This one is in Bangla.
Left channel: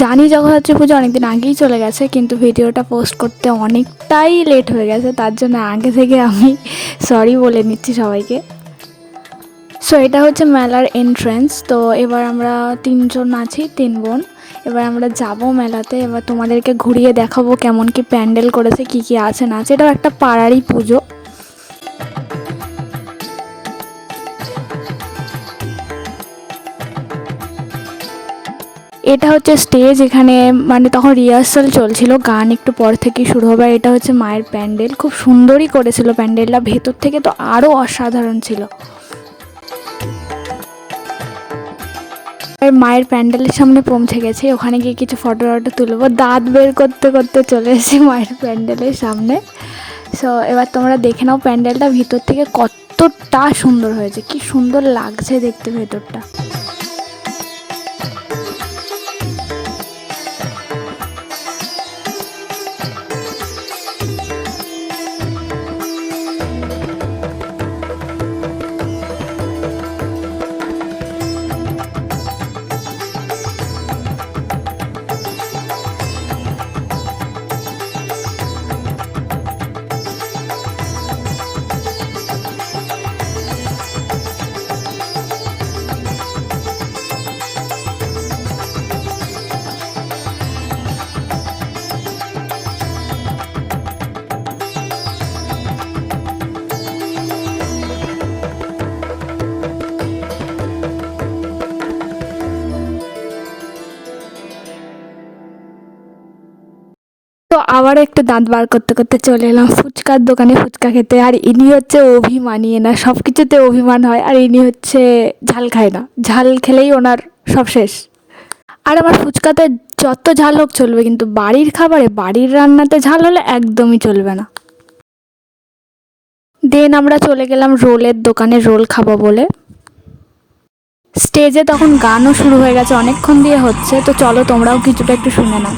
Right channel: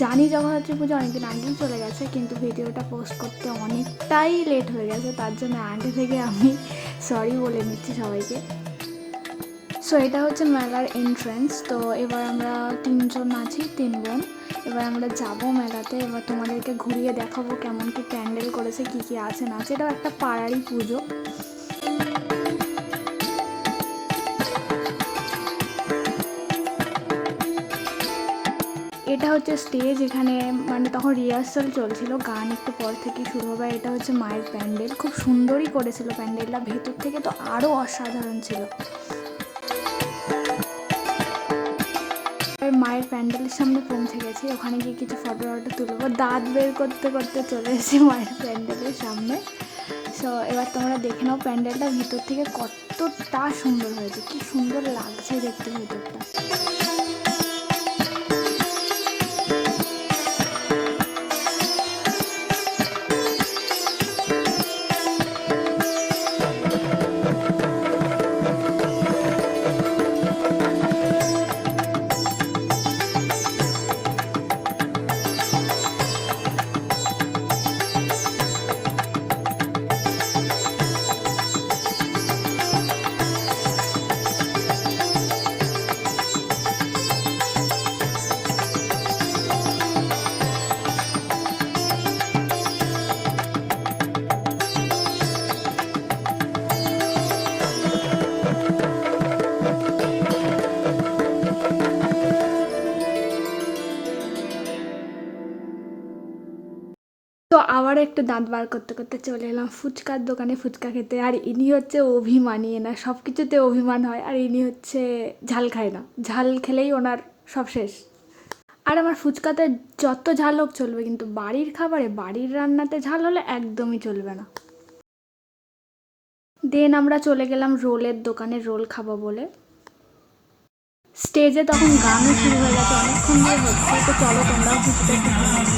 জানি জগদ্ধাত্রী পুজো অনেকদিন আগেই চলে গেছে, কিন্তু ভিডিওটা পোস্ট করতে অনেকটাই লেট হয়ে গেছে, তার জন্য আগে থেকে আমি সরি বলে নিচ্ছি সবাইকে। সো এটা হচ্ছে মেলার এন্ট্রেন্স। তো এবার আমরা 3 জন আছি, 3 বোন। এবার আমরা যাব মেলাতে। এবার তোমাদেরকে ঘুরিয়ে দেখাবো কেমন কি প্যান্ডেল করেছে, কি কি আছে না আছে। এটাও একটা পাড়ারই পুজো। এটা হচ্ছে স্টেজ, এখানে মানে তখন রিহার্সাল চলছিল, গান একটু পর থেকেই শুরু হবে। এটা হচ্ছে মায়ের প্যান্ডেল, খুব সুন্দরই করেছিল প্যান্ডেলটা, ভেতর থেকে তো আরও অসাধারণ ছিল। আর মায়ের প্যান্ডেলের সামনে পৌঁছে গেছি, ওখানে গিয়ে কিছু ফটো তুলবো। দাঁত বের করতে করতে চলে এসেছি মায়ের প্যান্ডেলের সামনে। সো এবার তোমরা দেখে নাও প্যান্ডেলটা ভিতর থেকে কতটা সুন্দর হয়েছে, কি সুন্দর লাগছে দেখতে ভেতরটা। তো আবার একটু দাঁত বার করতে করতে চলে এলাম ফুচকার দোকানে ফুচকা খেতে। আর ইনি হচ্ছে অভিমানী, না সব কিছুতে অভিমান হয়। আর ইনি হচ্ছে ঝাল খায় না, ঝাল খেলেই ওনার সব শেষ। আর আমার ফুচকাতে যত ঝাল হোক চলবে, কিন্তু বাড়ির খাবারে, বাড়ির রান্নাতে ঝাল হলে একদমই চলবে না। দেন আমরা চলে গেলাম রোলের দোকানে, রোল খাবো বলে। স্টেজে তখন গানও শুরু হয়ে গেছে, অনেকক্ষণ দিয়ে হচ্ছে। তো চলো তোমরাও কিছুটা একটু শুনে নাও।